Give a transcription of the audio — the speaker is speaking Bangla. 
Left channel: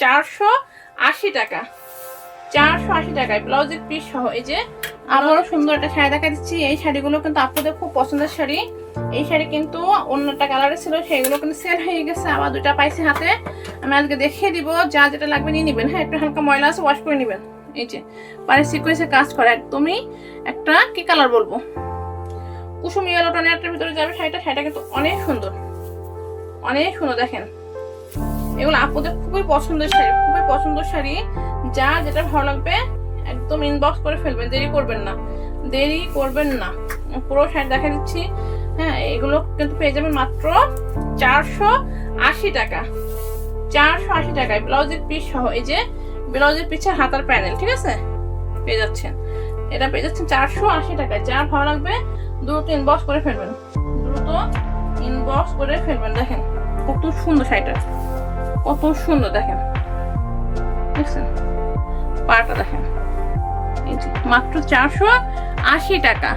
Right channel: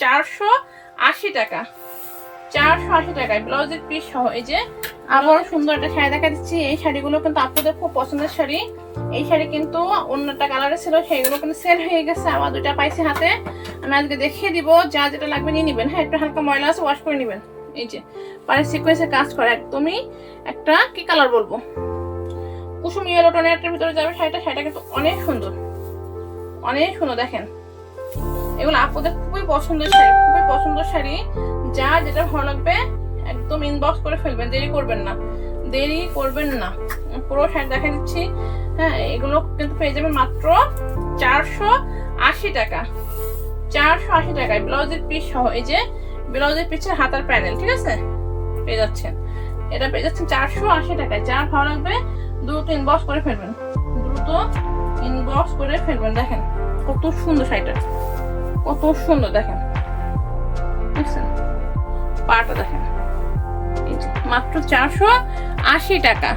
480 টাকা, 480 টাকায় ব্লাউজের পিস সহ। এই যে আবারও সুন্দর একটা শাড়ি দেখা দিচ্ছি। এই শাড়িগুলো কিন্তু আপনাদের খুব পছন্দের শাড়ি। এই শাড়ি কিন্তু অন্যটা কালারে ছিল, সেগুলো কিন্তু সেল হয়ে গেছে, আবার দুটা পাইছি হাতে। আমি আজকে দেখিয়ে দিব, যা যেটা লাগবে নিয়ে নেবেন। হ্যাঁ, একটু হালকা ময়লা আছে, ওয়াশ করে নেবেন। এই যে পারে সিকোয়েন্সে কাজ করে, একদমই একটা কি কালার বলবো, কুসুম ইয়েলো টোনের একটা ভিতরে যাবে শাড়িটা। শাড়িটা কিন্তু অনেক সুন্দর, অনেক সুন্দর। দেখেন, এগুলো আপনাদের খুবই পছন্দের শাড়ি, খুবই পছন্দের শাড়ি। যা যেটা ভালো লাগবে একদম ইনবক্স করে ফেলবেন, দেরি করবেন না, দেরি করবেন না। পুরো শাড়ি দেখা দিচ্ছি। হ্যাঁ, এগুলো কিন্তু পেয়ে যাবেন মাত্র 480 টাকা, 480 টাকায় ব্লাউজের পিস সহ। এই যে ব্লাউজের পিছের হাতার প্যানেল, ঠিক আছে, পেয়ে যাচ্ছেন। এটা পেয়ে যাচ্ছেন 480 টাকায়। যার ভালো লাগবে দ্রুত ইনবক্স করে ফেলবেন, দ্রুত ইনবক্স করে ফেলবেন। দেখেন কত সুন্দর শাড়িটা, কত সুন্দর। দেখেন, বুঝছেন, পাটা দেখেন। এই যে মাত্র 480 টাকা।